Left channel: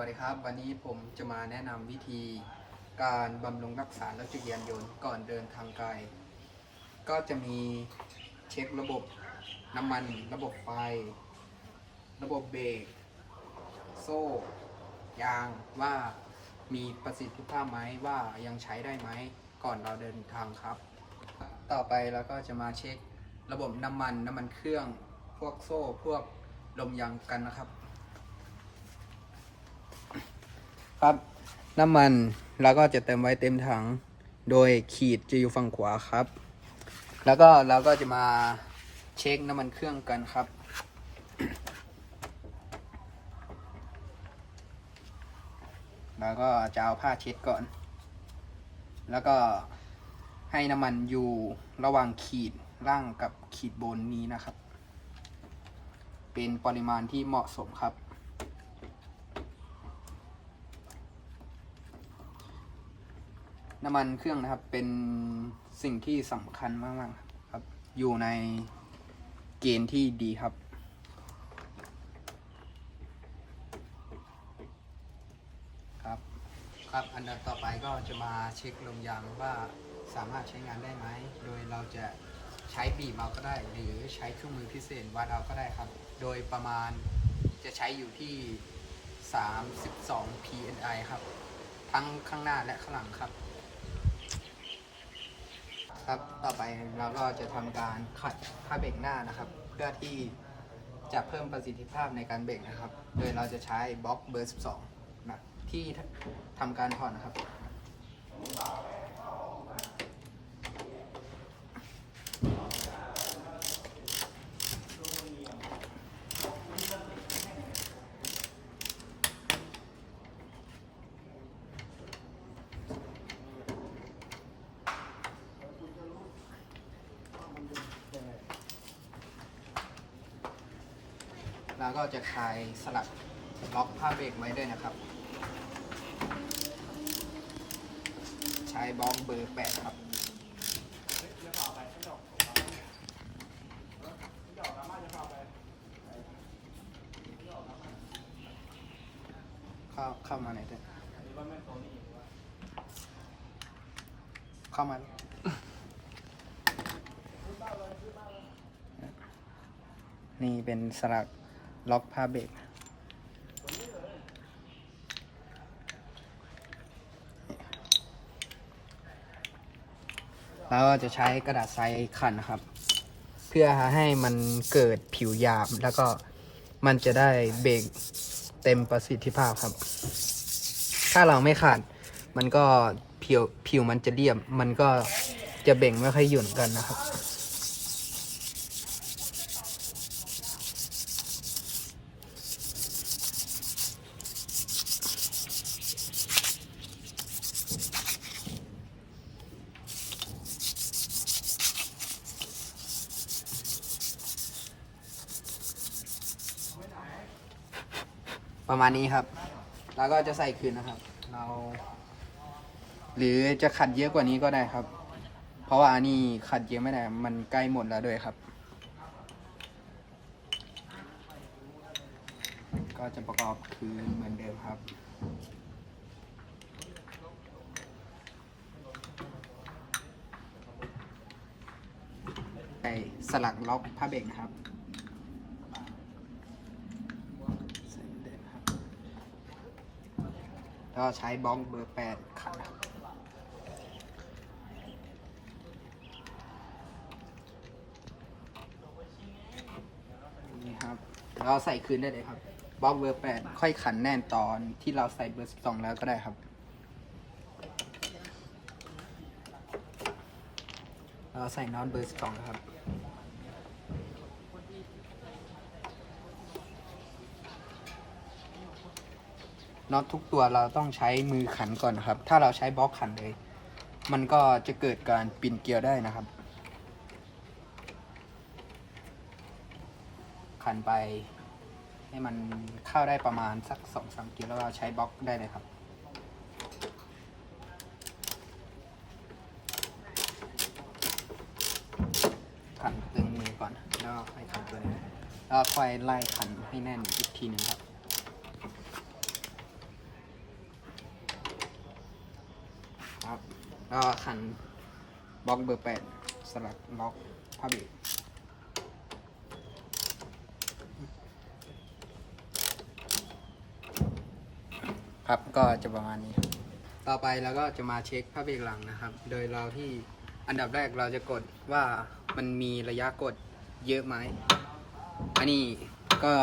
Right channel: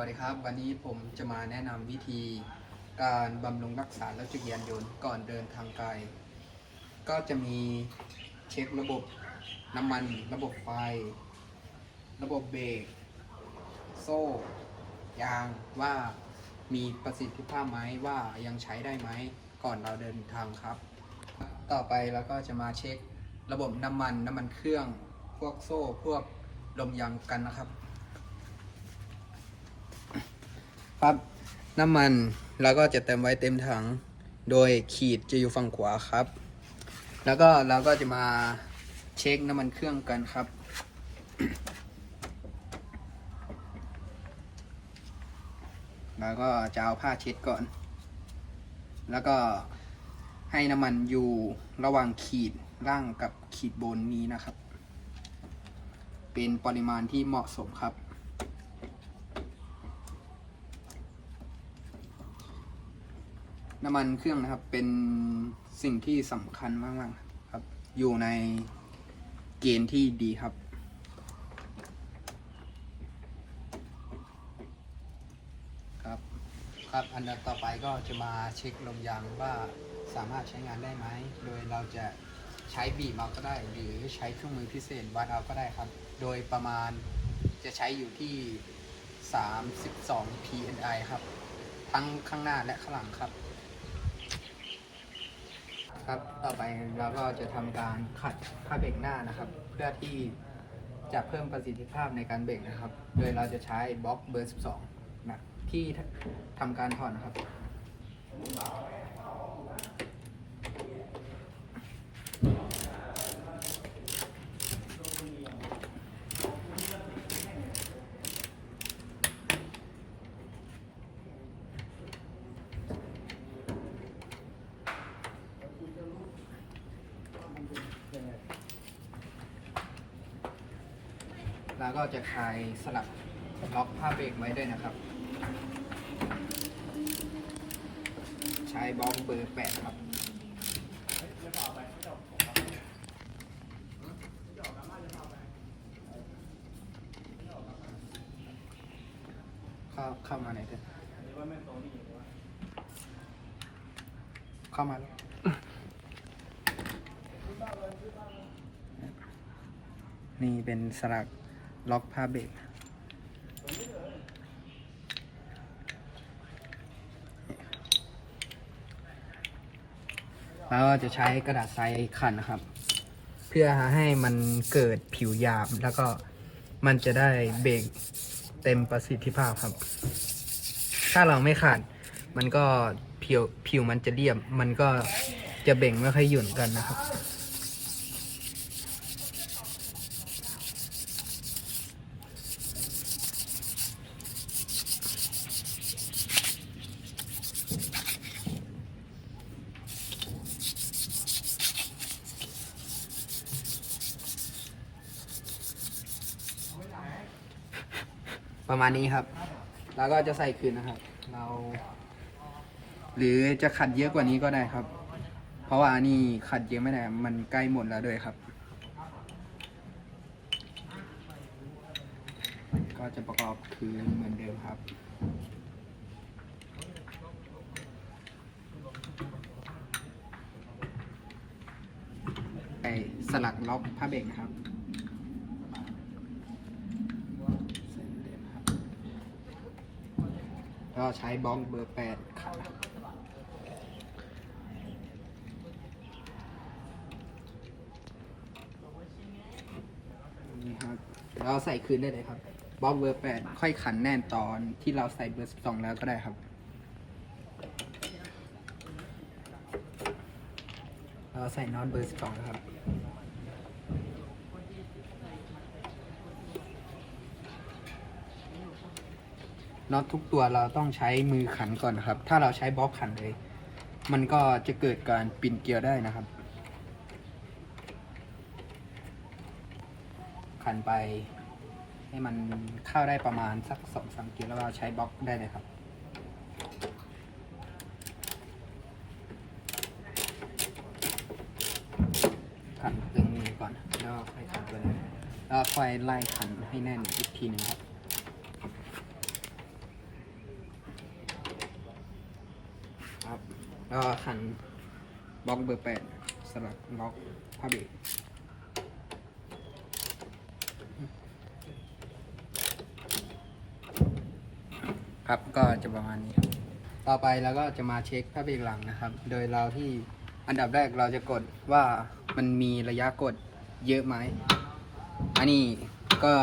วัสดีครับ วันนี้ผมจะมาแนะนำวิธีการบำรุงรักษา รถจักรยานยนต์ก่อนเดินทางไกล ก็จะมีเช็คระบบน้ำมัน ระบบไฟ ระบบเบรกโซ่ ยางว่ามีประสิทธิภาพไหมว่ายังใช้ได้ไหมก่อนเราเดินทางครับ ต่อไปเราก็จะมาเช็คระบบน้ำมันน้ำมันเครื่อง พวกโซ่พวกลมยางกันนะครับ ครับ น้ำมันเราก็จะเติมไว้เต็มถัง โดยขีดจะอยู่ฝั่งขวาครับ แล้วก็เราก็จะมาเช็คน้ำมันเครื่องกันครับแล้วก็จะเอาผ้าเช็ดก่อน แล้วก็ให้น้ำมันอยู่ระหว่างขีดล่างกับขีดบนนี้นะครับ เป็นปริมาณที่เหมาะสมครับ น้ำมันเครื่องนะครับเป็นสิ่งที่สำคัญมากๆครับ อยู่ในเกณฑ์ที่ดีครับ ครับ ครับอันดับต่อไปก็จะมาเช็คลมยางว่าสามารถใช้งานได้ไหม โดยเราจะใช้บีบเอาก็ได้ หรือใช้เครื่องมือพิเศษวัดเอาก็ได้ครับ โดยประมาณจะใช้อยู่ที่ 32 pni ครับ ทั้งข้างหน้าและข้างหลังครับ ครับ ต่อไปเราก็จะทำการขัดผ้าเบรกหน้านะครับ เพื่อที่จะเพิ่มประสิทธิภาพในการเบรกนะครับ โดยเราจะใช้บล็อกเบอร์ 12 นะที่ทำการถอดนะครับ แล้วก็จะคลายสลักล็อกผ้าเบรกไว้ด้วยนะครับ ใช้บล็อกเบอร์8ครับเข้าเข้ามาไหนอยเถอะเข้ามาแล้วนี่เป็นสลัก ล็อกผ้าเบรกแล้วจะใช้กระดาษทรายขันนะครับ เพื่อให้มันเกิดผิวหยาบแล้วก็มันจะได้เบรกเต็มประสิทธิภาพครับ ถ้าเราไม่ขัดมันก็ผิวผิวมันจะเรียบ มันก็จะเบ่งไม่ค่อยหยุ่นกันนะครับ ประมาณนี้ครับ แล้วก็จะใส่คืนนะครับ เรา หรือจะขัดเยอะกว่านี้ก็ได้ครับ เพราะว่าอันนี้ขัดเยอะไม่ได้ มันใกล้หมดแล้วด้วยครับ ก็จะประกอบคืนเหมือนเดิมครับใส่สลักล็อกผ้าเบรกนะครับ เส้นเด่นครับแล้ว ก็ใช้บล็อกเบอร์แปดขัดครับนี่ครับ เราใส่คืนได้เลยครับบล็อกเบอร์แปดค่อยขันแน่นตอนที่เราใส่เบอร์สิบสองแล้วก็ได้ครับ เราใส่นอตเบอร์สิบสองครับ น็อตทุกตัวเราต้องใช้มือขันก่อนนะครับ ถ้าเราใช้บล็อกขันเลย มันก็จะเกิดการปิ่นเกลียวได้นะครับ ขันไป ให้มันเข้าได้ประมาณสักสองสามเกลียวแล้วเราใช้บล็อกได้เลยครับขันตึงมือก่อนแล้วค่อยขันตัวนี้แล้วค่อยไล่ขันให้แน่นอีกทีหนึ่งครับ แล้วก็ขันบล็อกเบอร์แปดสลักล็อกผ้าเบรกครับก็จะประมาณนี้ ต่อไปเราก็จะมาเช็คผ้าเบรกหลังนะครับ โดยเราที่อันดับแรกเราจะกดว่ามันมีระยะกดเยอะไหม อันนี้ก็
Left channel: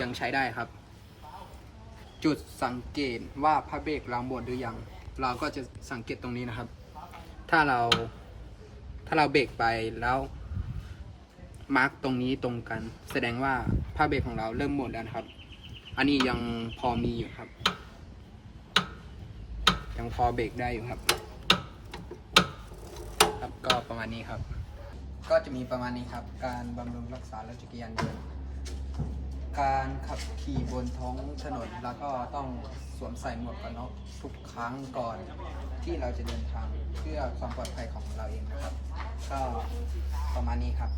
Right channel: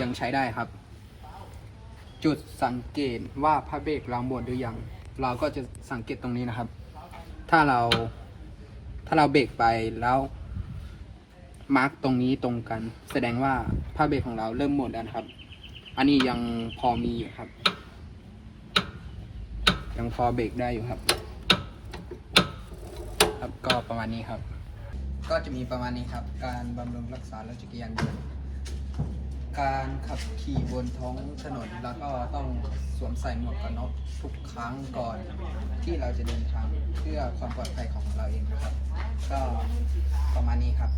ยังใช้ได้ครับ จุดสังเกตว่าผ้าเบรกเราหมดหรือยัง เราก็จะสังเกตตรงนี้นะครับ ถ้าเราถ้าเราเบรกไปแล้วมาร์กตรงนี้ตรงกัน แสดงว่าผ้าเบรกของเราเริ่มหมดแล้วครับ อันนี้ยังพอมีอยู่ครับ ยังพอเบรกได้อยู่ครับ ครับก็ประมาณนี้ครับ ก็จะมีประมาณนี้ครับ การบำรุงรักษารถจักรยานยนต์ การขับขี่บนท้องถนนแล้วก็ต้องสวมใส่หมวกกันน็อกทุกครั้งก่อนที่เราจะเดินทางเพื่อความปลอดภัยของเราเองนะครับ ก็ประมาณนี้ครับ